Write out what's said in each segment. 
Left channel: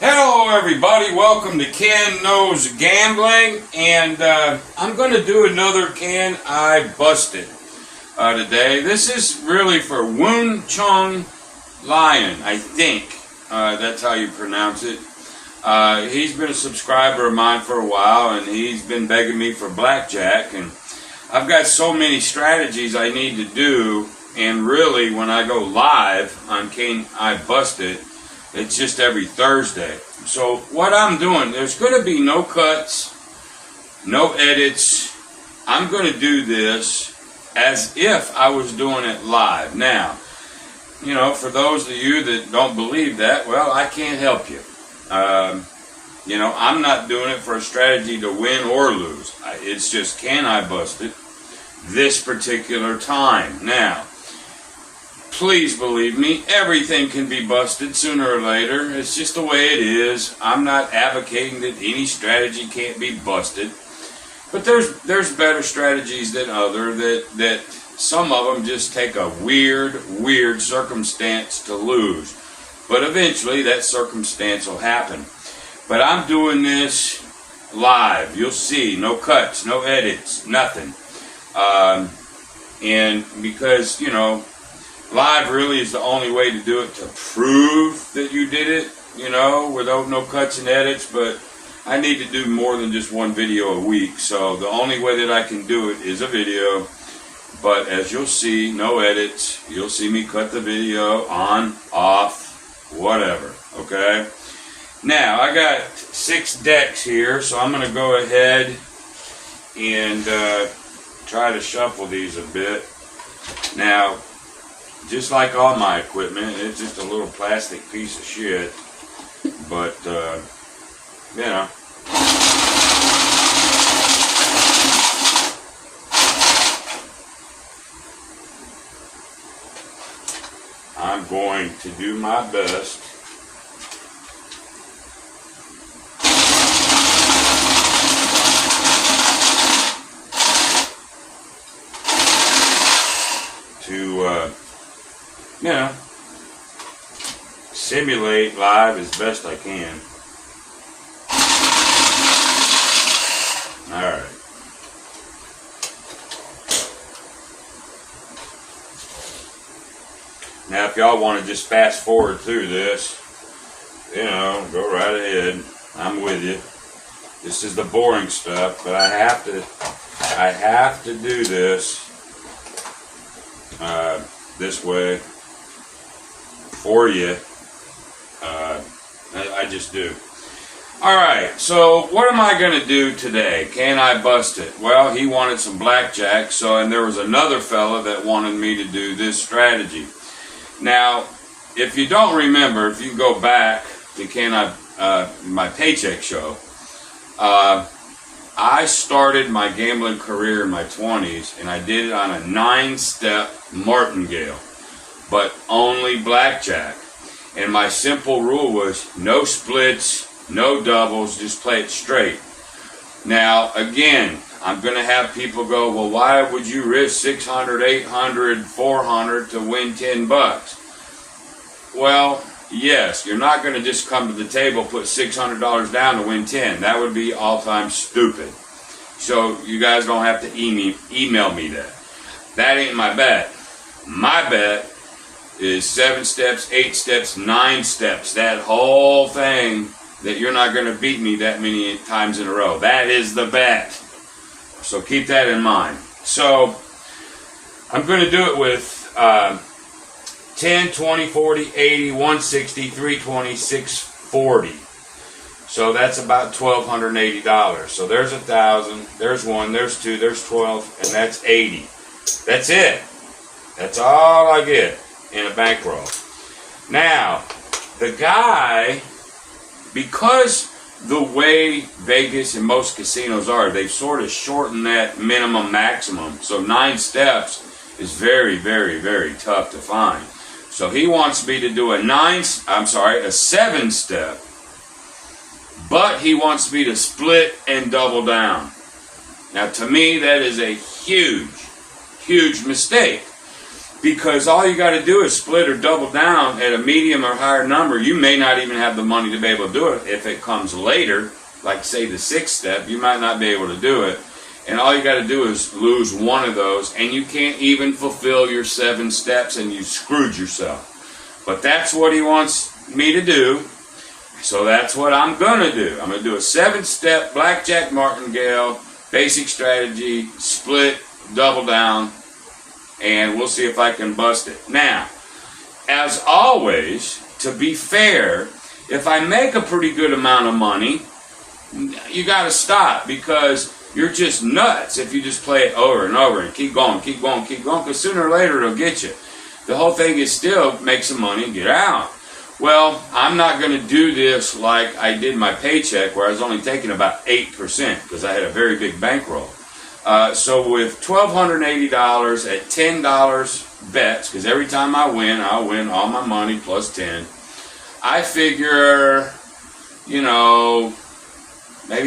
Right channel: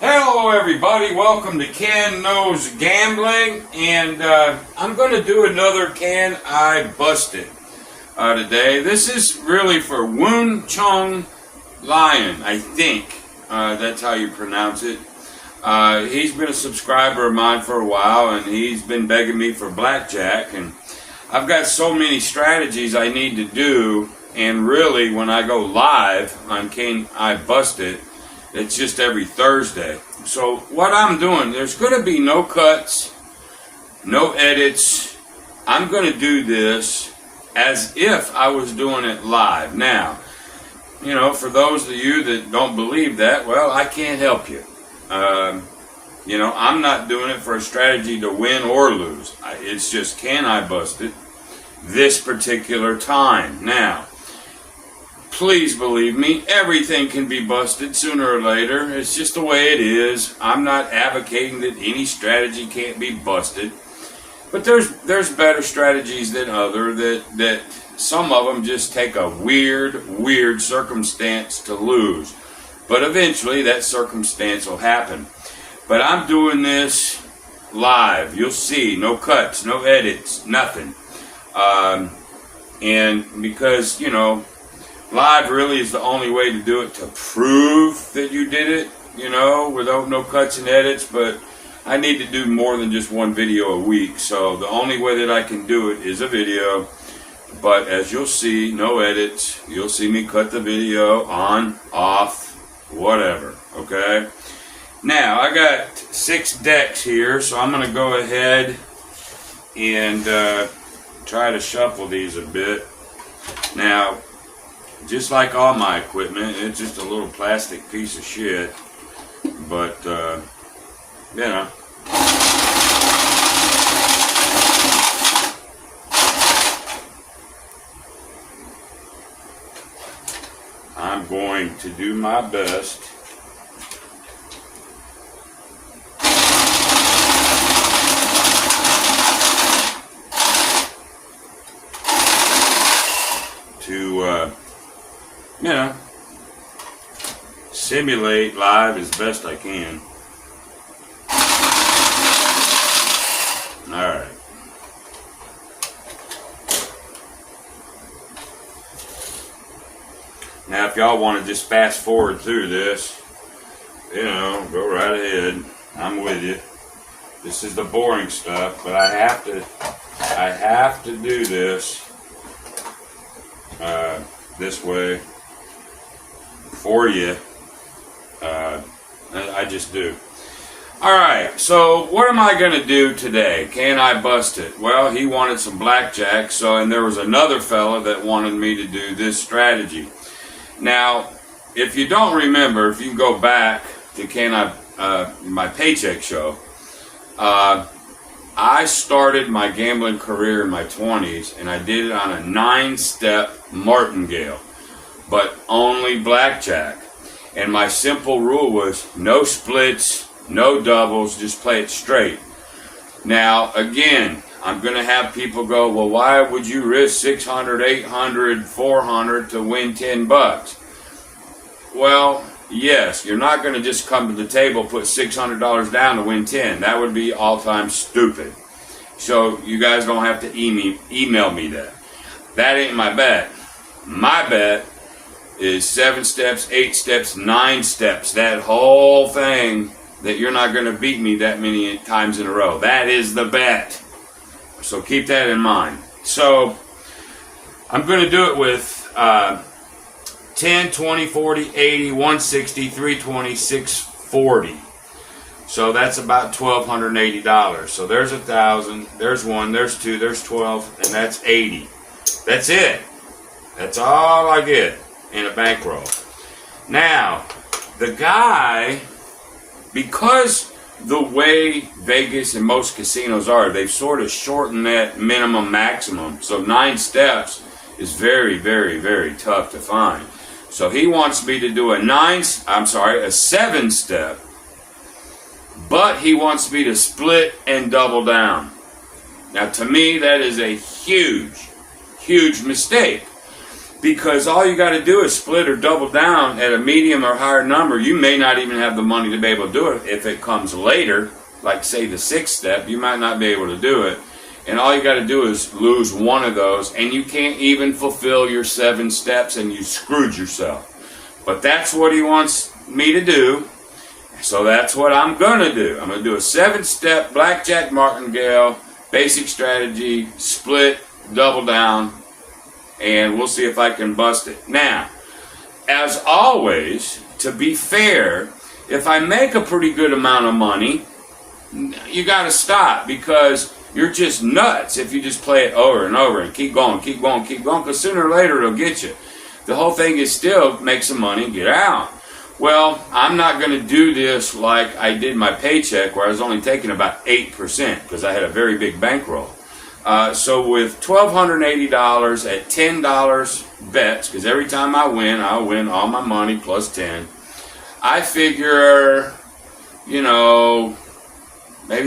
Hello everybody, welcome to Ken Knows Gambling, and I'm going to do another Can I Busted today. This is really for Woon Chung Lion, I think that's how you pronounce it. He's been a subscriber of mine for a while, and he's been begging me for Blackjack, and I've got so many strategies I need to do, and really when I go live on Can I Busted, it's just every Thursday. So what I'm doing, there's going to be no cuts, no edits. I'm going to do this as if I was doing it live. Now, you know, for those of you that don't believe that, well, I can't help you. You know, I'm not doing it for a strategy to win or lose. It's just, can I bust it this particular time? Now, please believe me, everything can be busted sooner or later. It's just the way it is. I'm not advocating that any strategy can't be busted. But there's better strategies than other that some of them just take a weird circumstance to lose. But eventually that circumstance will happen. But I'm doing this live. You'll see. No cuts, no edits, nothing. And because, you know, live really is the only way to do it, to prove that you did it, you know, without no cuts and edits. But I need to do more than just one video a week, so the only way that I can do it is a video. But as you'll see, no edits. You'll see me cut the video on, off, whatever, okay? Now, I got 6 decks here, so I'm going to go ahead and try to shuffle these a bit. Now, just like all my equipment, it's just a little plastic piece of shit. But, you know. I'm going to do my best to, you know, simulate live as best I can. Alright. Now if y'all want to just fast forward through this, you know, go right ahead. I'm with you. This is the boring stuff, but I have to do this this way for you. I just do. Alright, so what am I going to do today? Can I bust it? Well, he wanted some blackjack, and there was another fella that wanted me to do this strategy. Now, if you don't remember, if you go back to my paycheck show, I started my gambling career in my 20s, and I did it on a 9-step martingale, but only blackjack. And my simple rule was no splits, no doubles, just play it straight. Now, again, I'm going to have people go, well, why would you risk 600, 800, 400 to win 10 bucks? Well, yes, you're not going to just come to the table, put $600 down to win 10. That would be all-time stupid. So you guys don't have to email me that. That ain't my bet. My bet is 7 steps, 8 steps, 9 steps. That whole thing that you're not going to beat me that many times in a row. That is the bet. So keep that in mind. So I'm going to do it with 10, 20, 40, 80, 160, 320, 640. So that's about $1,280. So there's 1,000, there's 1, there's 2, there's 12, and that's 80. That's it. That's all I get in a bankroll. Now, the guy, because the way Vegas and most casinos are, they've sort of shortened that minimum maximum. So 9 steps is very, very, very tough to find. So he wants me to do a 7-step, but he wants me to split and double down. Now to me that is a huge, huge mistake. because all you got to do is split or double down at a medium or higher number. You may not even have the money to be able to do it. If it comes later, like say the 6th step, you might not be able to do it. And all you got to do is lose one of those, and you can't even fulfill your 7 steps, and you screwed yourself. But that's what he wants me to do, so that's what I'm going to do. I'm going to do a 7-step blackjack martingale, basic strategy, split, double down, and we'll see if I can bust it. Now, as always, to be fair, if I make a pretty good amount of money, you got to stop, because you're just nuts if you just play it over and over and keep going, because sooner or later it'll get you. The whole thing is still make some money and get out. Well, I'm not going to do this like I did my paycheck, where I was only taking about 8% because I had a very big bankroll. So with $1,280 at $10 bets, because every time I win all my money plus 10, I figure, maybe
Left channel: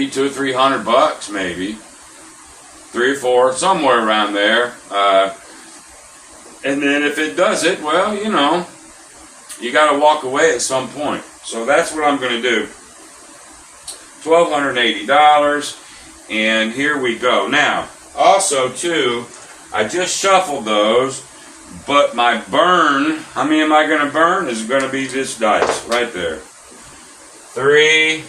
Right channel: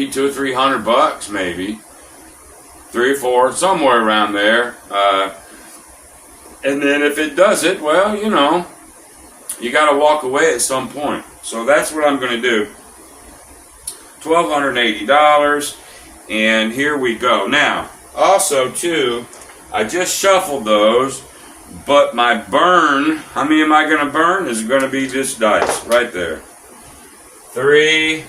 $200 or $300, maybe 3 or 4, somewhere around there. And then if it does it, well, you got to walk away at some point. So that's what I'm going to do. $1,280, and here we go. Now, also too, I just shuffled those, but my burn, how many am I going to burn? Is going to be this dice right there. 3,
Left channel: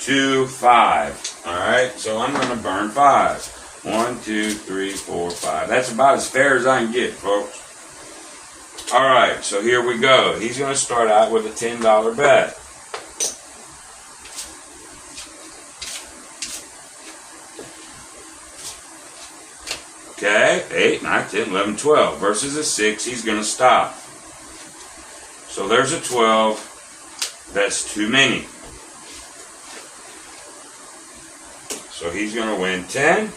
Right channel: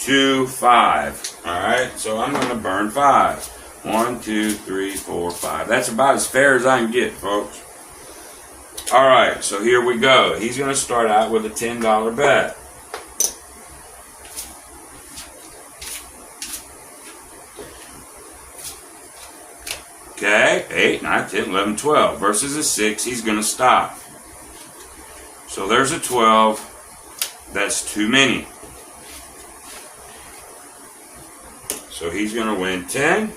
2, 5. All right, so I'm going to burn 5. 1, 2, 3, 4, 5. That's about as fair as I can get, folks. All right, so here we go. He's going to start out with a $10 bet. Okay, 8, 9, 10, 11, 12. Versus a 6, he's going to stop. So there's a 12. That's too many. So he's going to win 10.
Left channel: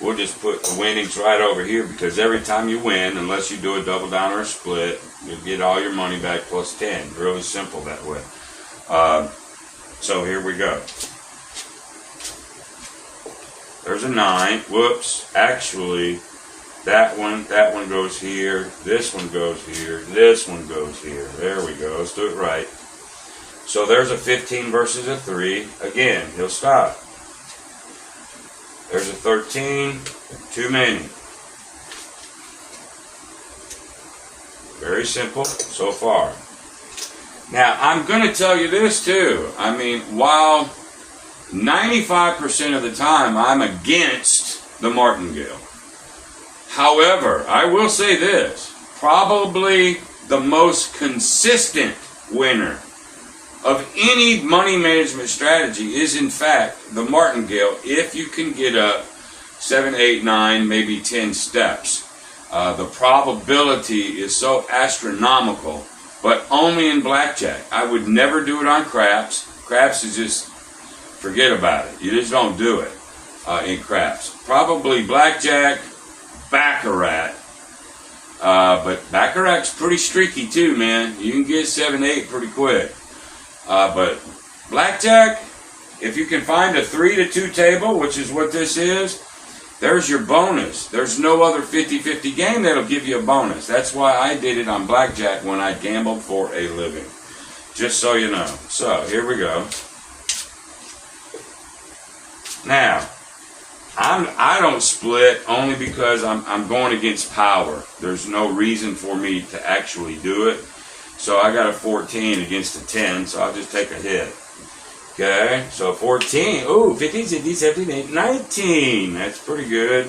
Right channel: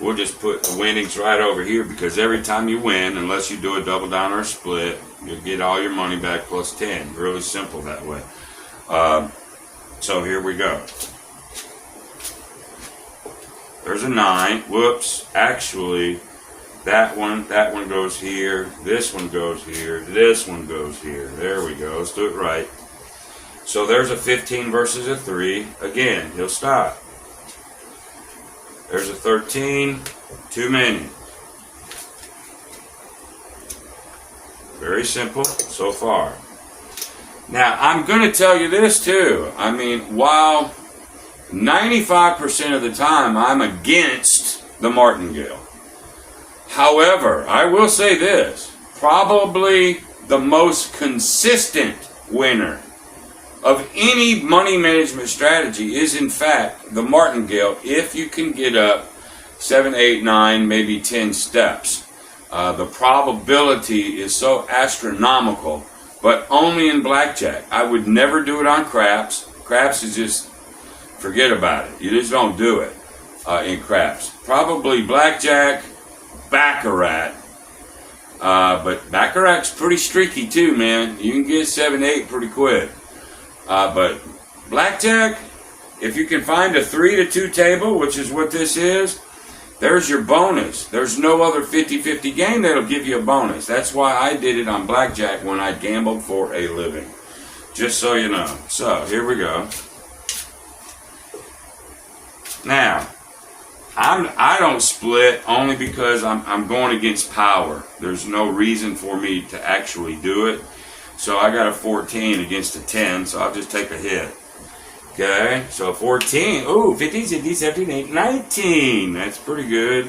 We'll just put the winnings right over here, because every time you win, unless you do a double down or a split, you'll get all your money back plus 10. Really simple that way. So here we go. There's a 9. Whoops. Actually, that one goes here. This one goes here. This one goes here. There we go. Let's do it right. So there's a 15 versus a 3. Again, he'll stop. There's a 13. Too many. Very simple so far. Now, I'm going to tell you this too. I mean, while 95% of the time I'm against the martingale, however, I will say this. Probably the most consistent winner of any money management strategy is, in fact, the martingale, if you can get up 7, 8, 9, maybe 10 steps. The probability is so astronomical, but only in blackjack. I would never do it on craps. Craps is just, forget about it. You just don't do it in craps. Probably blackjack, baccarat. But baccarat's pretty streaky too, man. You can get 7, 8 pretty quick. But blackjack, if you can find a 3 to 2 table, which is what this is, there's your bonus. There's no other 50-50 game that'll give you a bonus. That's why I did it on blackjack when I gambled for a living. Just so you know. So, here we go. Now, I don't split only because I'm going against power. There's no reason for me to actually do it. So I got a 14 against a 10, so I'll just take a hit. Okay, so 14. Ooh, 15, 16, 17, 18, 19. That's pretty good.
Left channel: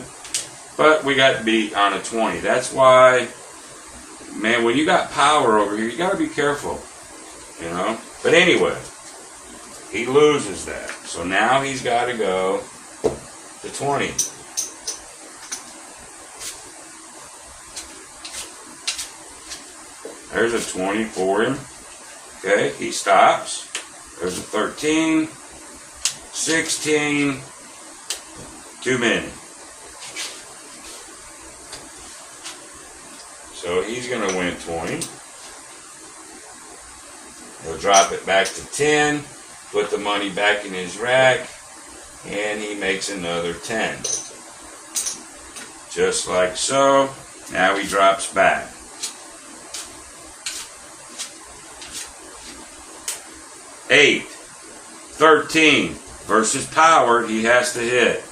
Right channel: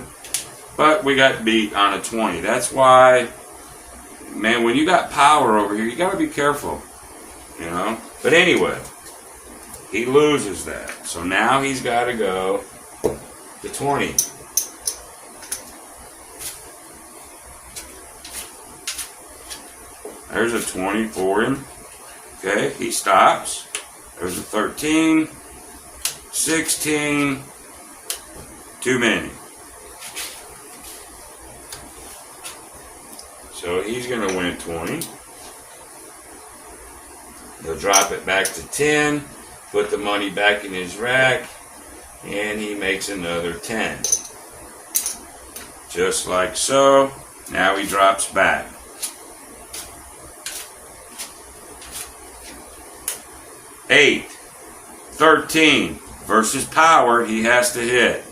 But we got beat on a 20. That's why, man, when you got power over here, you got to be careful. You know? But anyway, he loses that. So now he's got to go to 20. There's a 20 for him. Okay, he stops. There's a 13, 16, too many. So he's going to win 20. He'll drop it back to 10, put the money back in his rack, and he makes another 10. Just like so. Now he drops back. Eight, 13 versus power. He has to hit.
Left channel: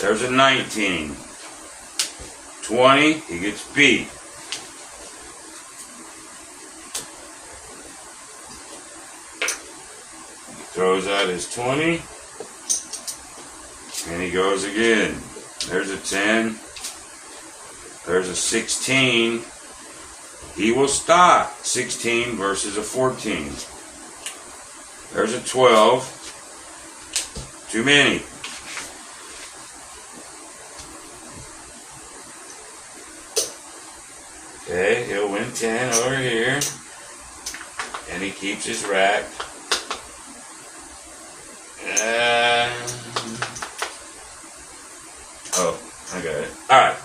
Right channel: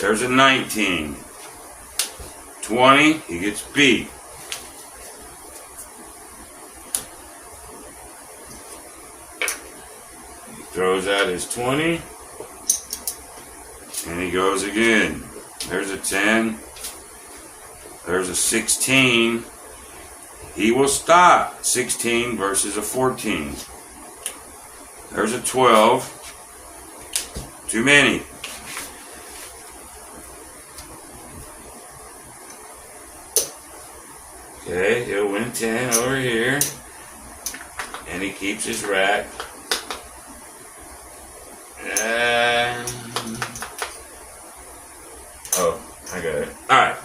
There's a 19. 20. He gets beat. Throws out his 20, and he goes again. There's a 10. There's a 16. He will stop. 16 versus a 14. There's a 12. Too many. Okay, he'll win 10 over here. And he keeps his rack. Oh, I got it. Alright.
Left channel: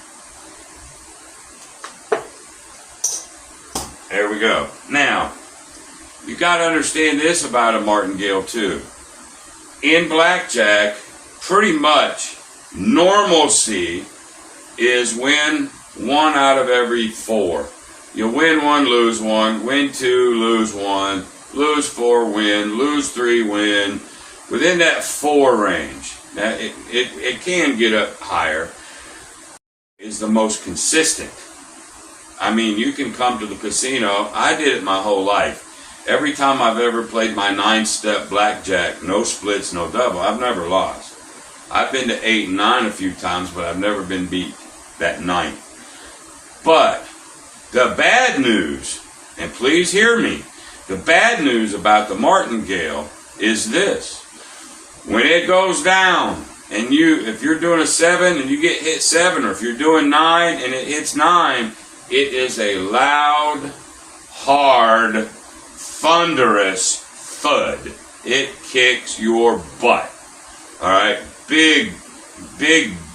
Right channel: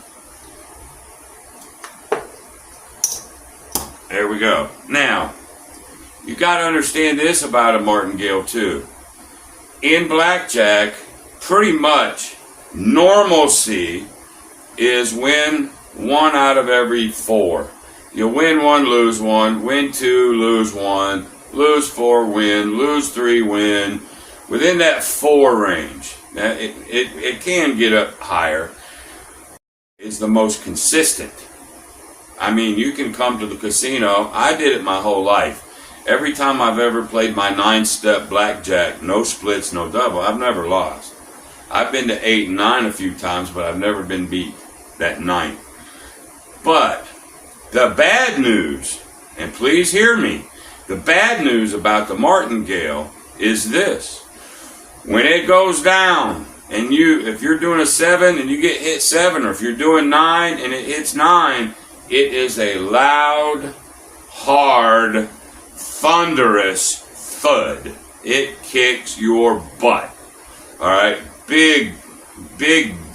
There we go. Now, you got to understand this about a martingale too. In blackjack, pretty much normalcy is win 1 out of every 4. You win 1, lose 1, win 2, lose 1, lose 4, win, lose 3, win. Within that 4 range, it can get up higher, is the most consistent. I mean, you can come to the casino. I did it my whole life. Every time I've ever played my 9-step blackjack, no splits, no double, I've never lost. I've been to 8 and 9 a few times, but I've never been beat that night. But the bad news, and please hear me, the bad news about the martingale is this. When it goes down, and if you're doing a 7 and you get hit 7, or if you're doing 9 and it hits 9, it is a loud, hard, thunderous thud. It kicks your butt. Alright? Big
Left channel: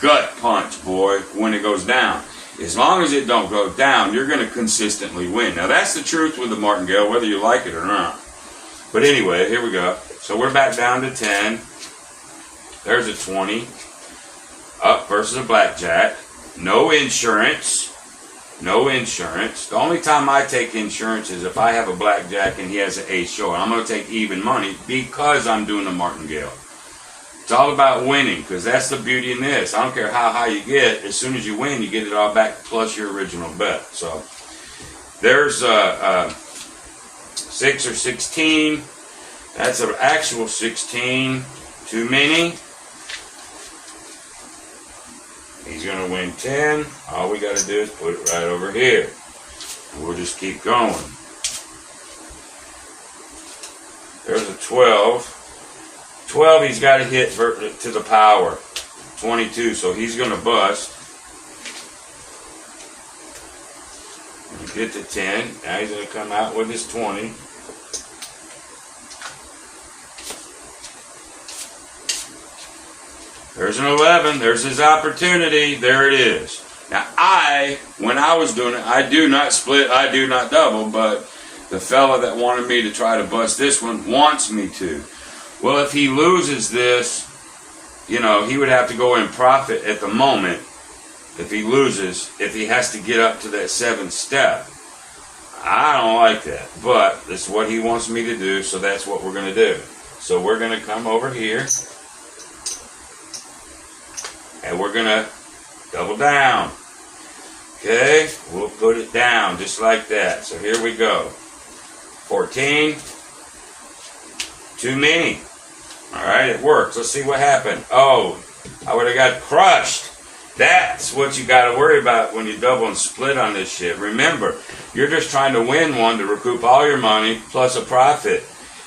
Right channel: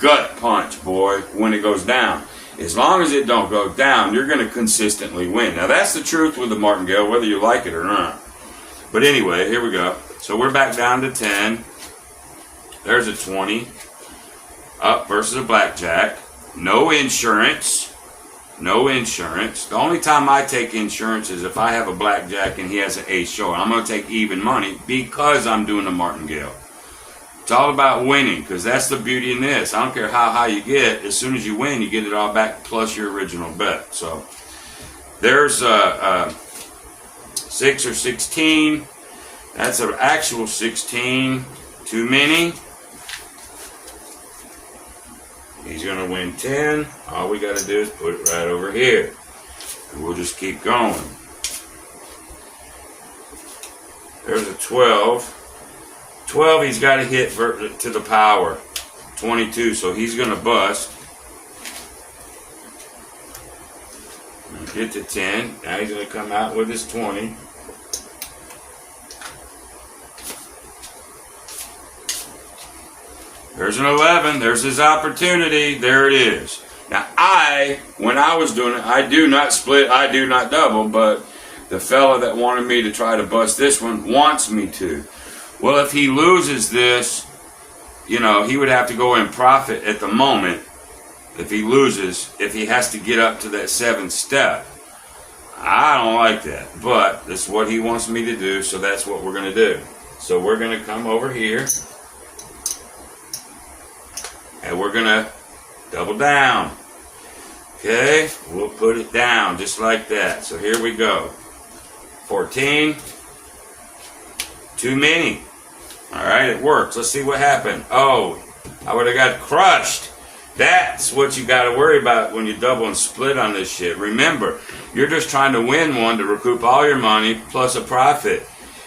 gut punch, boy, when it goes down. As long as it don't go down, you're going to consistently win. Now, that's the truth with the martingale, whether you like it or not. But anyway, here we go. So we're back down to 10. There's a 20. Up versus a blackjack. No insurance. No insurance. The only time I take insurance is if I have a blackjack and he has an ace short. I'm going to take even money because I'm doing the martingale. It's all about winning, because that's the beauty in this. I don't care how high you get. As soon as you win, you get it all back plus your original bet. So there's 6 or 16. That's an actual 16. Too many. He's going to win 10. All we got to do is put it right over here. We'll just keep going. There's a 12. 12, he's got to hit to the power. 22, so he's going to bust. Get to 10. Now he's going to come out with his 20. There's an 11. There's his opportunity. There it is. Now, when I was doing it, I do not split, I do not double, but the fella that wanted me to try to bust this one wants me to. Well, if he loses this, you know, he would have to go in profit at the moment if he loses, if he has to get up to that 7th step. I don't like that, but this is what he wants me to do, so that's what we're going to do. So we're going to come over here, and we're going to double down. Okay, we'll put it down just like that. So here we go. 14. Too many. Alright, it works. Let's see what happened. Oh, I would have got crushed. That's what you got to worry about when you double and split on this shit. Remember, you're just trying to win one to recoup all your money plus a profit.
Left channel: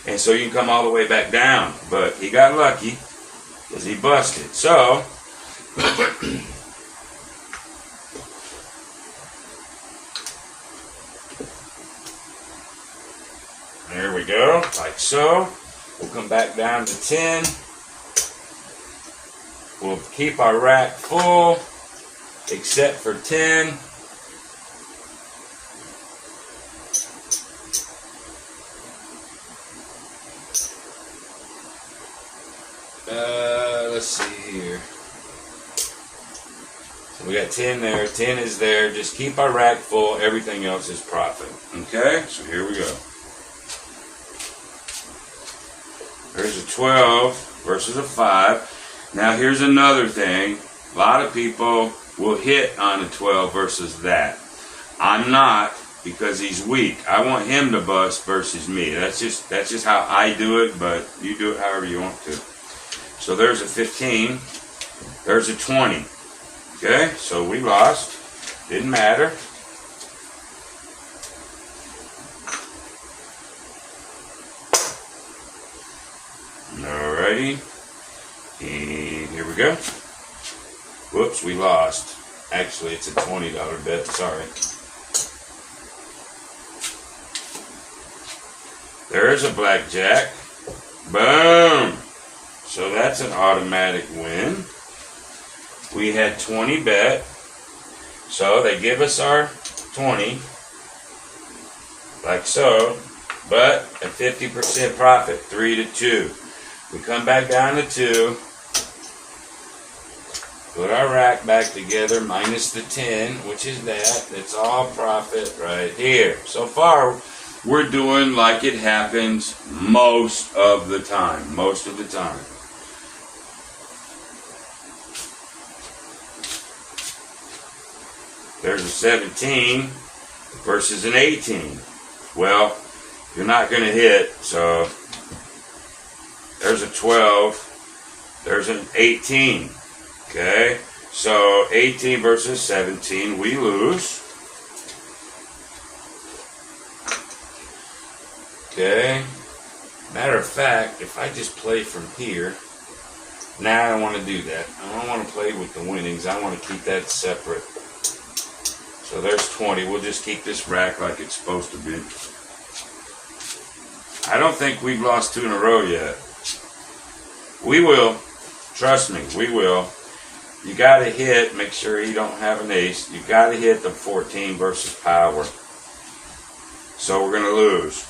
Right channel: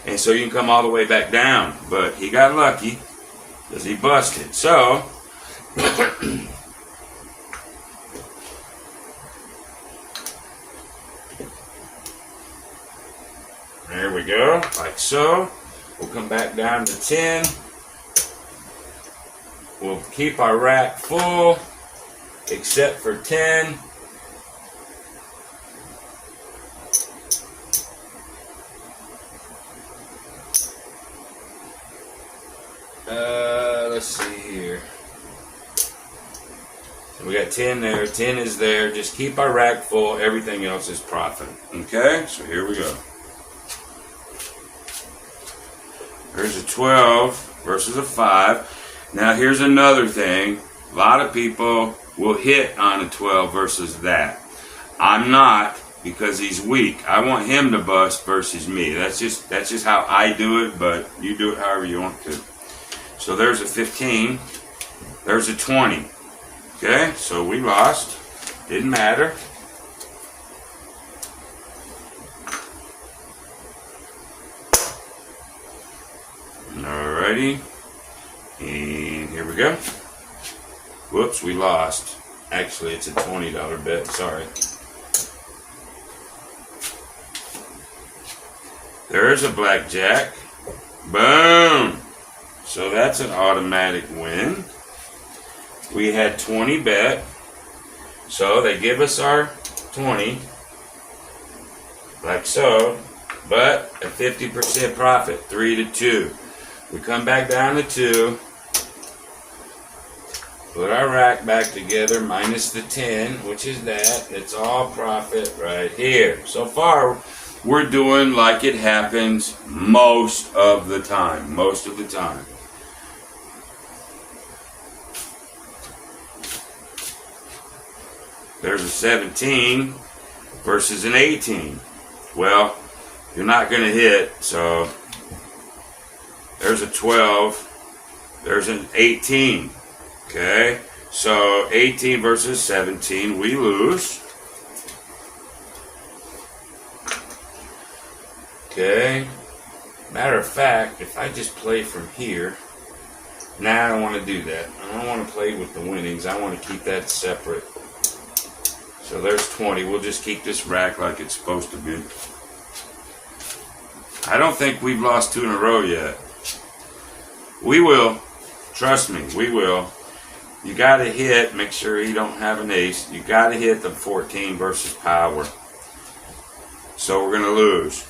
And so you can come all the way back down. But he got lucky because he busted. So, there we go, like so. We'll come back down to 10. We'll keep our rack full, except for 10. Let's see here. So We got 10 there. 10 is there. Just keep our rack full. Everything else is profit. Okay? So here we go. Here's a 12 versus a 5. Now here's another thing. A lot of people will hit on a 12 versus that. I'm not, because he's weak. I want him to bust versus me. That's just how I do it, but you do it however you want to. So there's a 15. There's a 20. Okay, so we lost. Didn't matter. Alrighty. And here we go. Whoops, we lost. Actually, it's a $20 bet. Sorry. There's a blackjack. Boom. So that's an automatic win. We had 20 bet. So they give us our 20. Like so. But a 50% profit. 3-2. We come back down to 2. Put our rack back together minus the 10, which is that. It's all profit right here. So far, we're doing like it happens most of the time. Most of the time. There's a 17 versus an 18. Well, you're not going to hit, so there's a 12. There's an 18. Okay, so 18 versus 17, we lose. Okay, matter of fact, if I just play from here, now I don't want to do that. I don't want to play with the winnings. I want to keep that separate. So there's 20. We'll just keep this rack like it's supposed to be. I don't think we've lost 2 in a row yet. We will. Trust me, we will. You got to hit, make sure you don't have an ace. You got to hit the 14 versus power. So we're going to lose.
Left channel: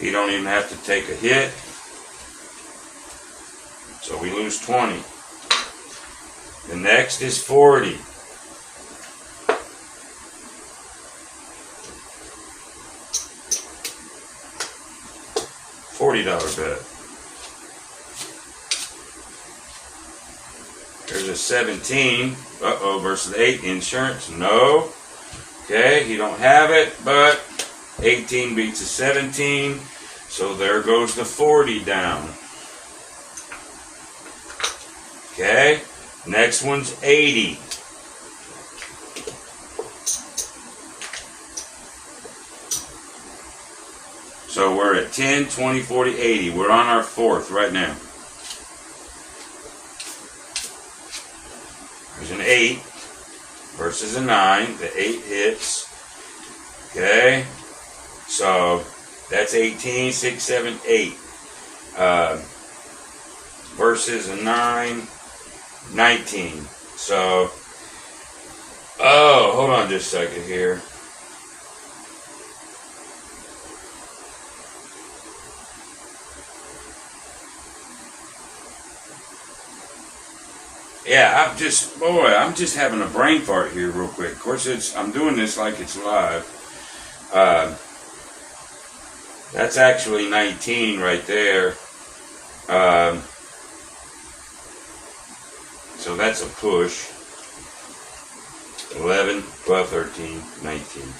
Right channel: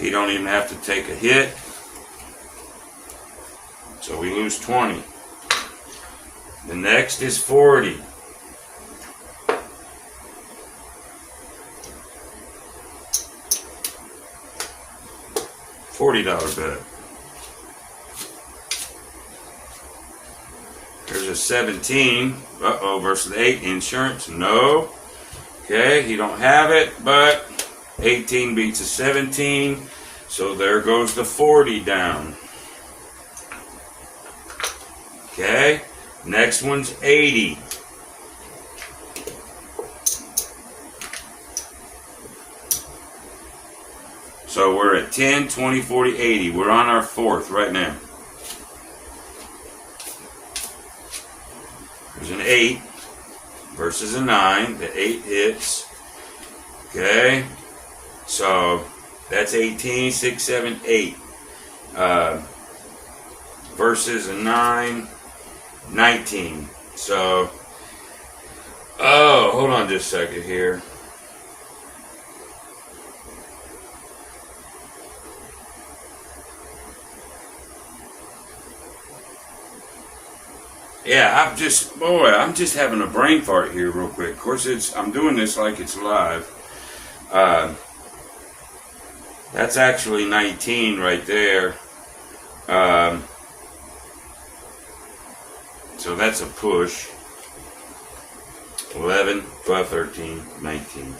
You don't even have to take a hit. So we lose 20. The next is 40. $40 bet. There's a 17. Uh-oh, versus 8. Insurance? No. Okay, you don't have it, but 18 beats a 17. So there goes the 40 down. Okay, next one's 80. So we're at 10, 20, 40, 80. We're on our 4th right now. There's an 8 versus a 9. The 8 hits. Okay. So that's 18, 6, 7, 8. Versus a 9, 19. So, oh, hold on just a second here. Yeah, I'm just having a brain fart here real quick. Of course, I'm doing this like it's live. That's actually 19 right there. So that's a push. 11, 12, 13, 19.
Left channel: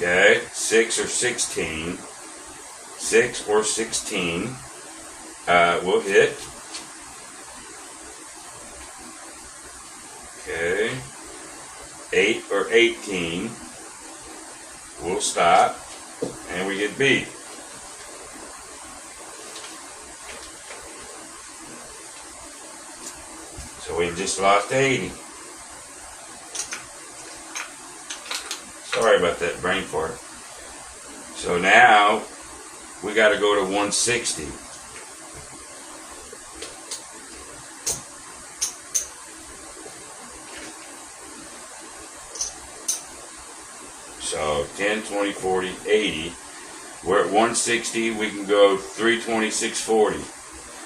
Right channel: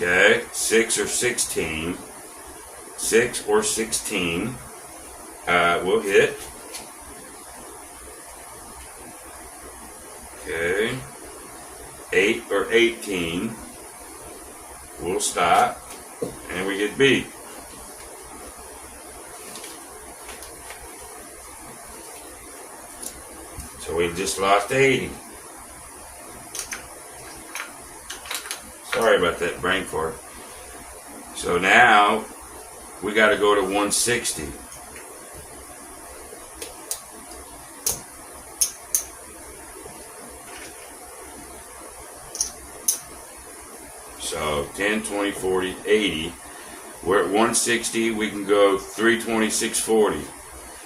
Okay, 6 or 16. 6 or 16 will hit. Okay, 8 or 18 will stop, and we get beat. So we just lost 80. Sorry about that brain fart. So now we got to go to 160. So 10, 20, 40, 80. We're at 160. We can go 320, 640.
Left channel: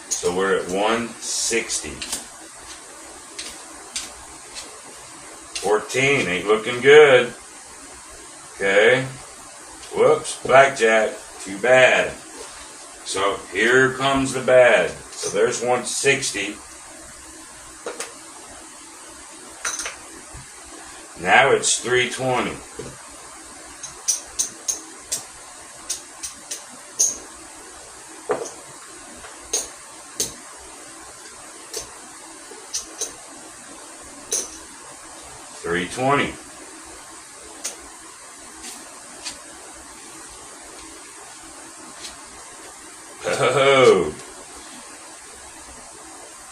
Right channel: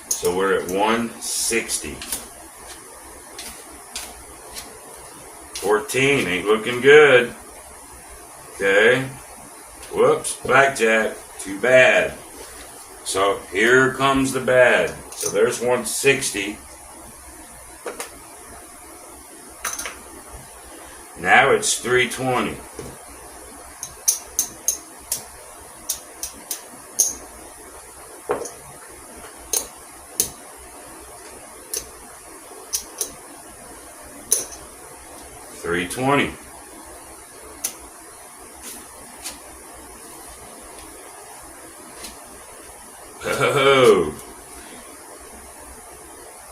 So we're at 160. 14 ain't looking good. Okay. Whoops. Blackjack. Too bad. So here comes the bad. So there's 160. Now it's 320. $320. Oh.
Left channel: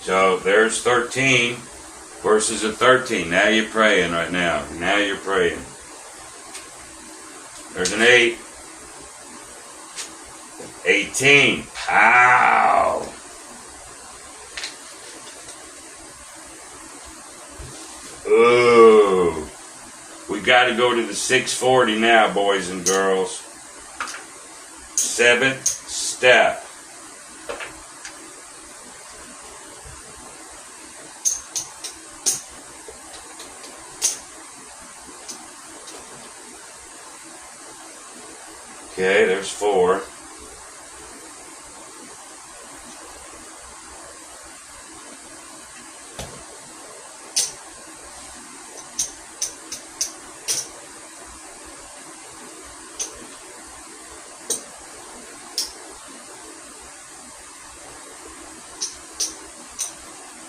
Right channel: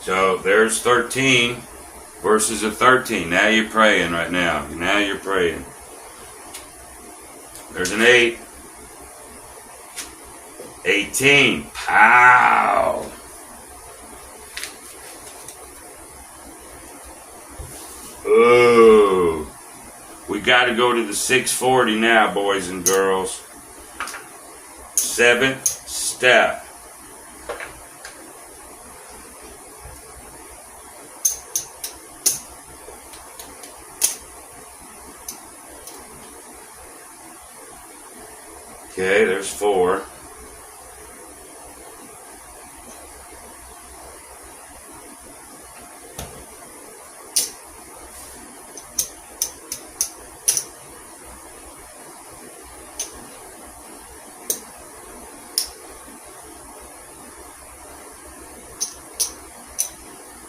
So there's 13 versus a 13. Now you're praying right now. Now you're praying. There's an 8. 18. Pow. Ooh. We got to go to the 640 now, boys and girls. 7th step. Okay, there's 4.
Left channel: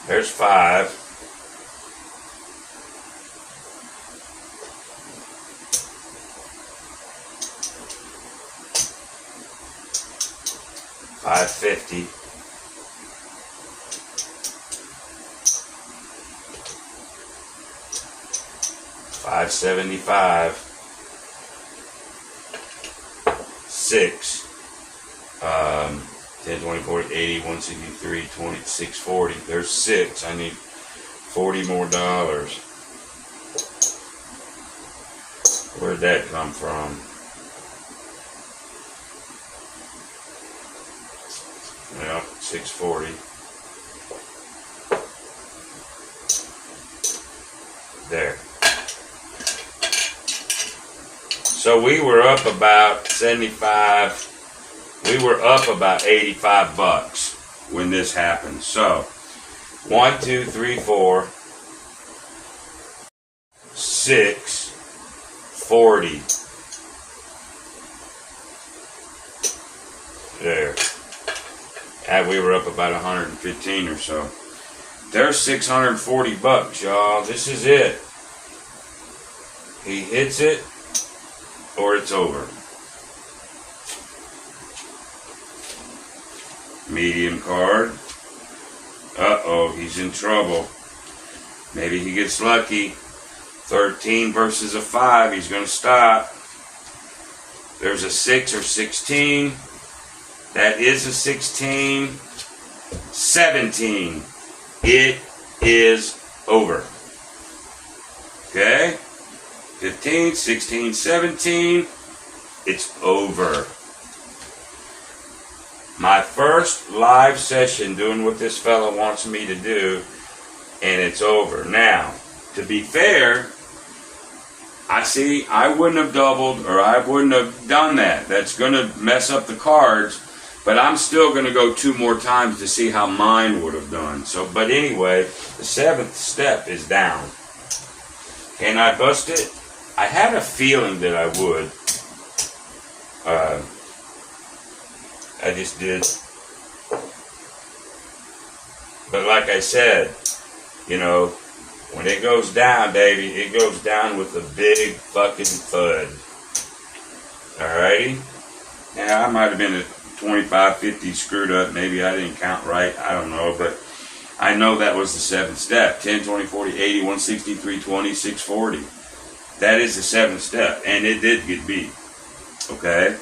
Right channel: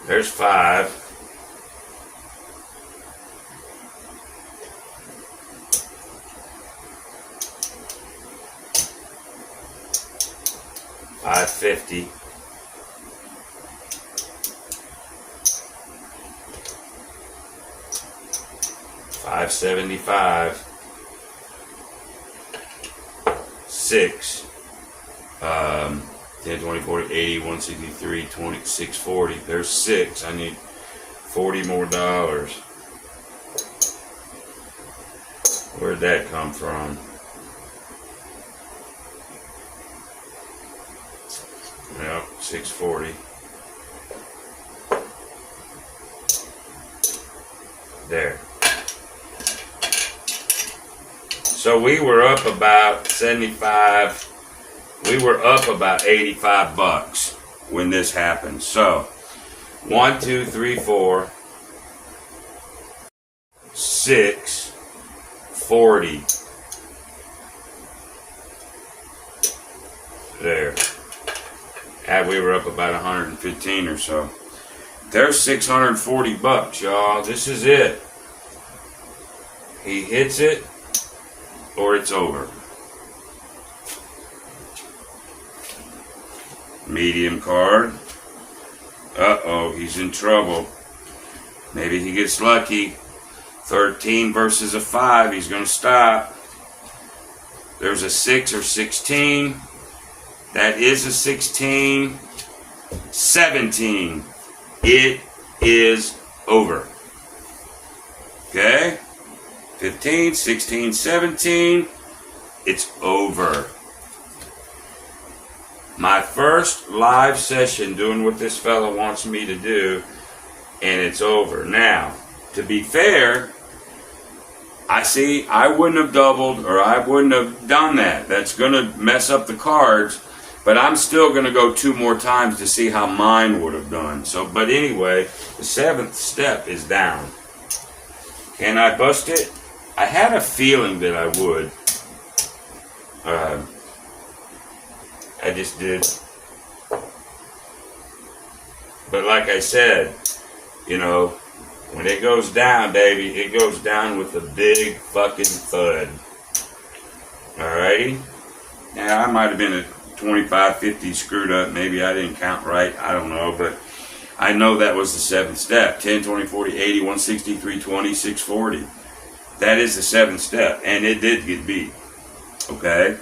There's 5. $550. $575. 6. 10, 20, 40, 80, 163, 20, 640. There's 6. I need $40 more. Where'd that come from? Well, 640. There. So we were up about 75. We were up about 85 bucks when this happened. So 1, 2, 3, 4, 6, 40. There. And we were up about 115 or so. There's 640 bucks, y'all. This is it. He hits it or it's over. Medium card. Uh-oh, he's in trouble. Maybe he gets lucky. 13 versus a 5. He's going to stop. There's a 6 or 16. That is a 16. 17. It is over. Okay? 15, 16, 17. It's over. My first live session doing what this fella wants me to do, and it's over. Now, to be fair, I wouldn't have doubled or I wouldn't have done that. That's going to mess up the cards, but I'm still going to go 2 more times to see how mine would have done. So, but anyway, the 7th step is down. Can I bust it? I had a feeling that I would. I just did. But like I said, you know, when it goes down, Davey, it goes down with a big fucking thud. Alrighty? Now, I might have been a 25, 50 screwed up. Maybe I didn't count right. I don't know. But I know that was the 7th step. 10, 20, 40, 80, 160, 320, 640. That is the 7th step. And it did get beat. Okay?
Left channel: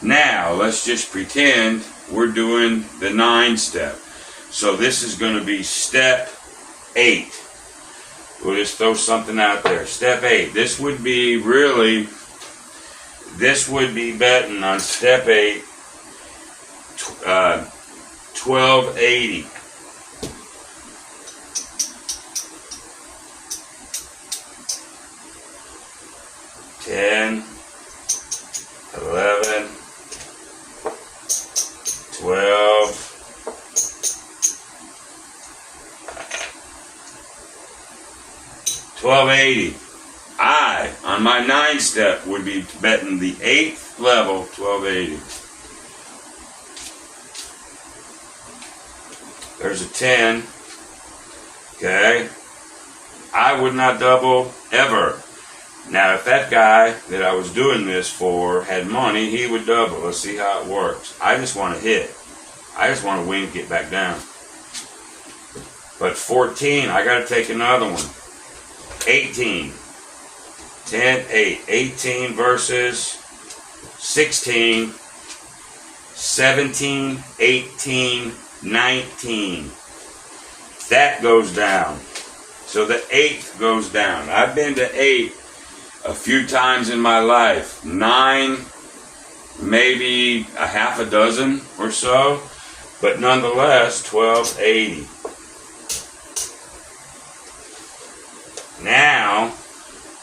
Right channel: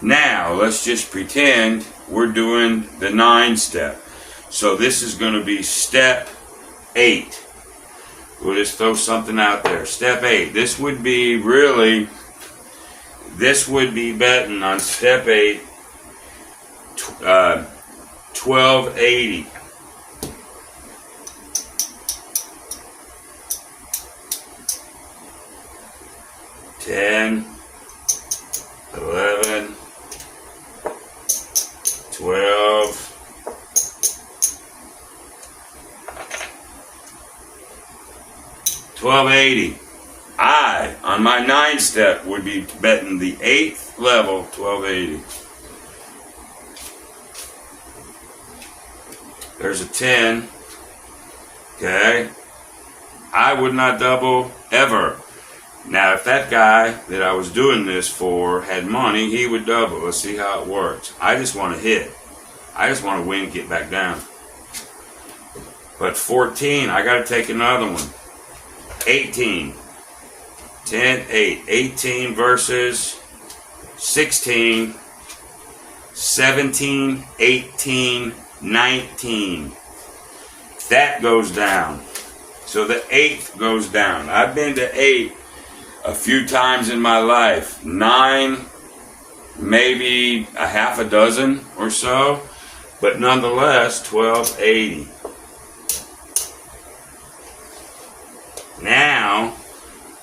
Now, let's just pretend we're doing the 9 step. So this is going to be step 8. We'll just throw something out there. Step 8. This would be really this would be betting on step 8, 1280. $10, $11, $12, $12.80. I, on my 9 step, would be betting the 8th level, $12.80. There's a 10. Okay. I would not double ever. Now, if that guy that I was doing this for had money, he would double. Let's see how it works. I just want to hit. I just want to win, get back down. But 14, I got to take another one. 18. 10, 8. 18 versus 16. 17, 18, 19. That goes down. So the 8th goes down. I've been to 8 a few times in my life. 9, maybe a half a dozen or so. But nonetheless, 1280. Now,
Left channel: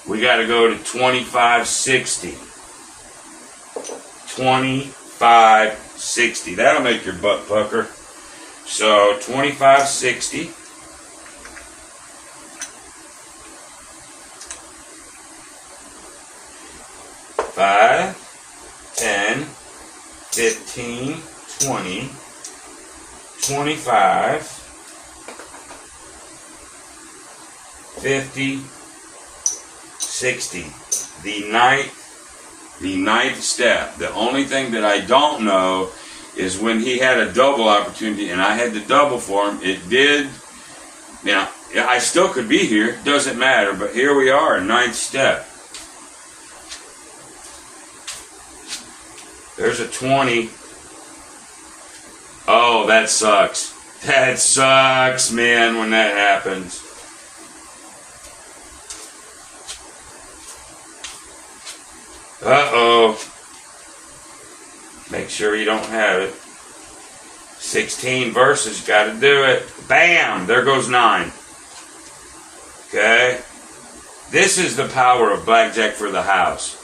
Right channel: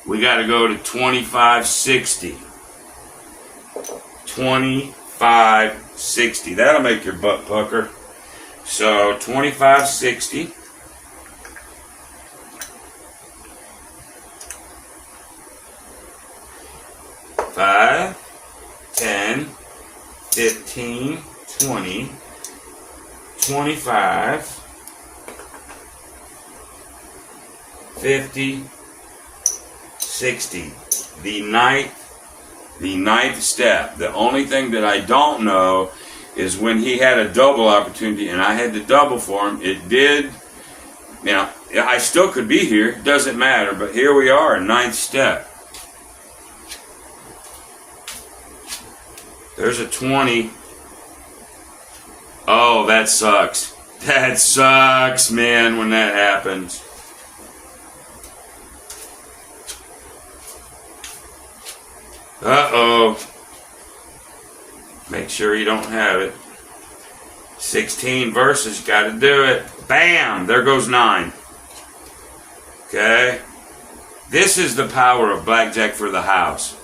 we got to go to 2560. 2560. That'll make your butt pucker. So, 2560. $5, $10, $15, $20, $25, $50, $60. The ninth step. The only thing that I don't know is when he had a double opportunity and I had to double for him, it did. Now, I still could be here, doesn't matter, but here we are, 9th step. There's a 20. Oh, that sucks. That sucks, man, when that happens. Uh-oh. Make sure you don't have it. 16 verses, got to do it. Bam! There goes 9. Okay? This is the power of Blackjack for the house.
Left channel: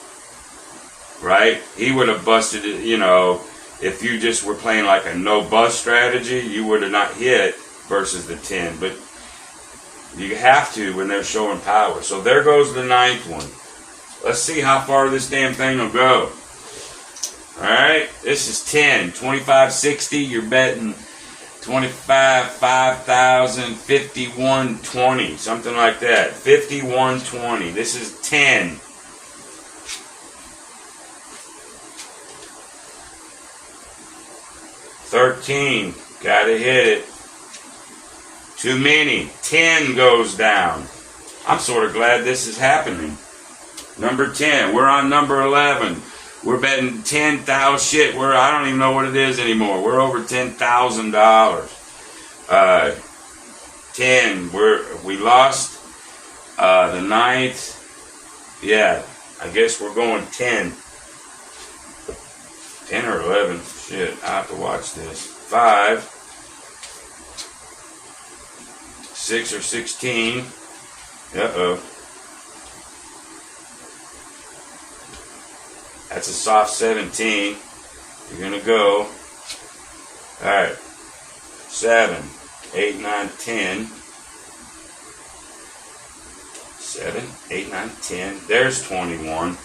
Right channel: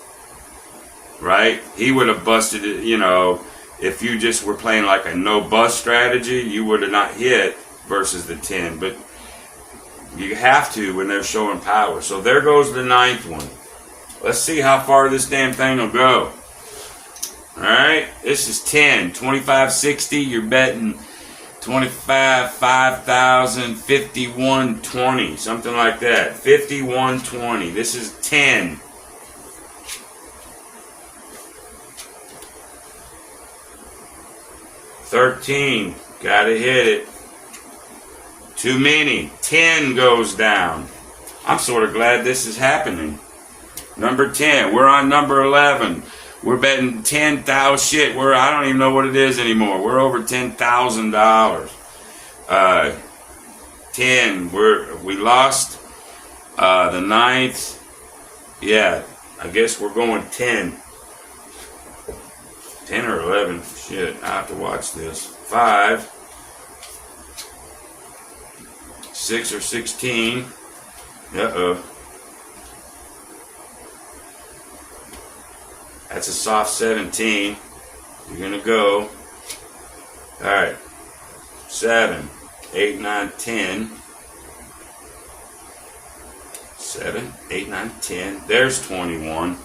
Right? He would have busted it, you know, if you just were playing like a no-bust strategy, you would have not hit versus the 10. But you have to when they're showing power. So there goes the 9th one. Let's see how far this damn thing will go. Alright, this is 10. 2560, you're betting 25, 5,000, 5120, something like that. 5120. This is 10. $13, gotta hit it. Too many. 10 goes down. I'm sort of glad this is happening. Number 10. We're on number 11. We're betting 10,000 shit. I don't even know what it is anymore. We're over $10,000. 10. We lost the 9th. Yeah, I guess we're going 10. 10 or 11. Shit, I have to watch this. 5. 6 or 16. Uh-oh. That's a soft 17. You're going to go. Alright. 7, 8, 9, 10. 7, 8, 9, 10. There's 21.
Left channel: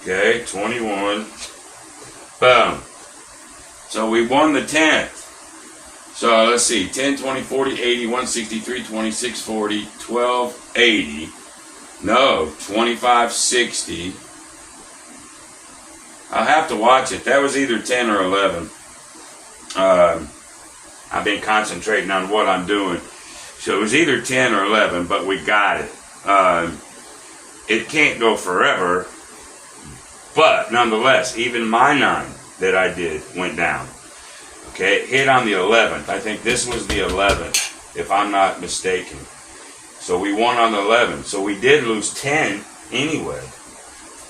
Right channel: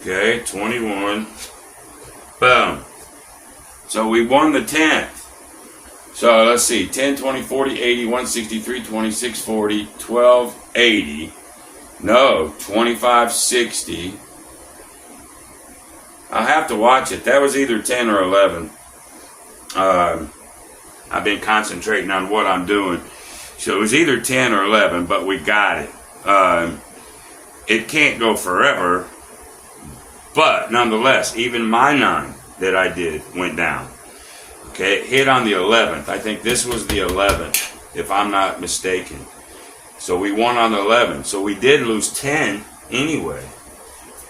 Okay, 21. Boom. So we won the 10th. So let's see. 10, 20, 40, 80, 163, 26, 40, 12, 80. No, 25, 60. I'll have to watch it. That was either 10 or 11. I've been concentrating on what I'm doing. So it was either 10 or 11, but we got it. It can't go forever, but nonetheless, even my 9 that I did went down. Okay, it hit on the 11th. I think this was the 11th, if I'm not mistaken. So we won on the 11th. So we did lose 10 anyway.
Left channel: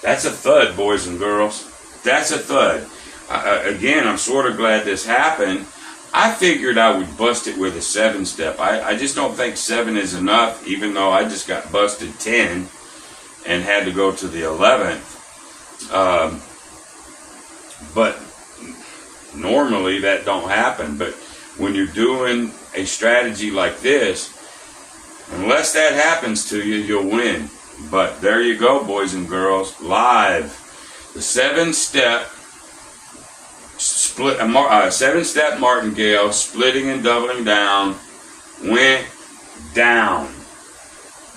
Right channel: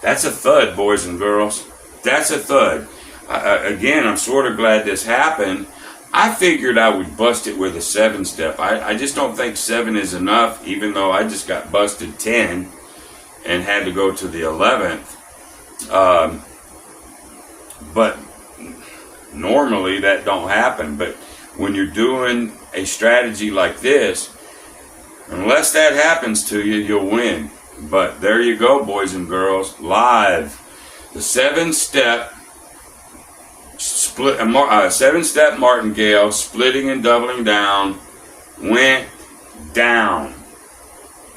That's a thud, boys and girls. That's a thud. Again, I'm sort of glad this happened. I figured I would bust it with a 7-step. I just don't think 7 is enough, even though I just got busted 10 and had to go to the 11th. But normally that don't happen. But when you're doing a strategy like this, unless that happens to you, you'll win. But there you go, boys and girls, live. The 7-step split, 7-step martingale, splitting and doubling down, went down.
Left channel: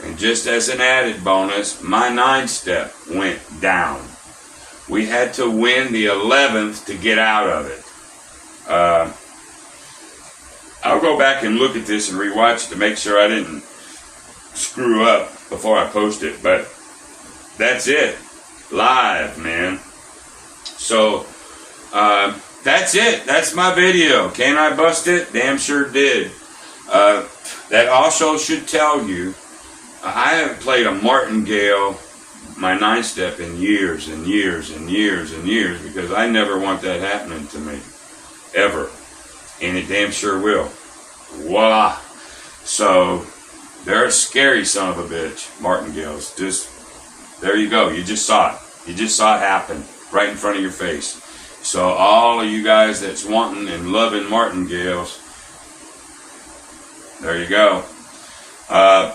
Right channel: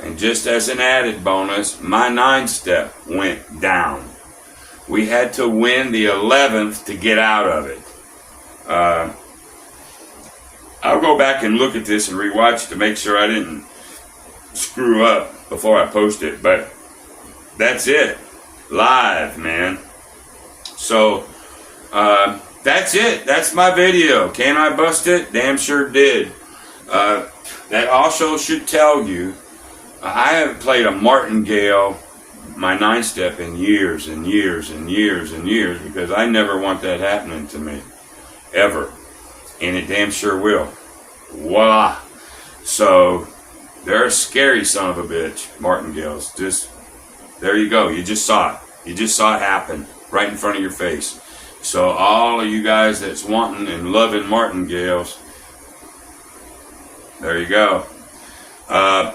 And just as an added bonus, my 9-step went down. We had to win the 11th to get out of it. I'll go back and look at this and rewatch it to make sure I didn't screw up before I post it. But that's it. Live, man. So, that's it. That's my video. Can I bust it? Damn sure did. That also should tell you, I haven't played a martingale, my 9-step, in years and years and years and years, because I never want that happening to me. Ever. And it damn sure will. Voila. So, they're a scary son of a bitch, martingales. Just, there you go. You just saw it. You just saw it happen right in front of your face. So all of you guys that's wanting and loving martingales, there you go.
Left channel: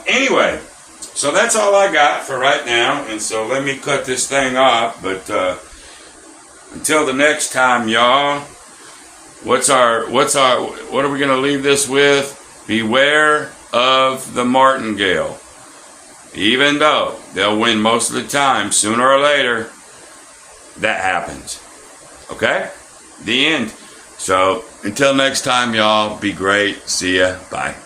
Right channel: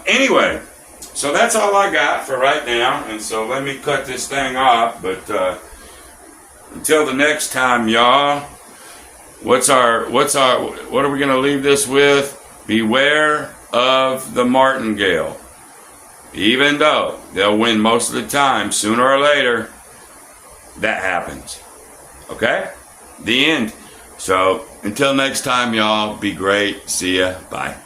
Anyway, so that's all I got for right now. And so let me cut this thing off. But until the next time, y'all, what are we gonna leave this with? Beware of the martingale. Even though they'll win most of the time, sooner or later, that happens. Okay? The end. So, until next time, y'all, be great. See ya. Bye.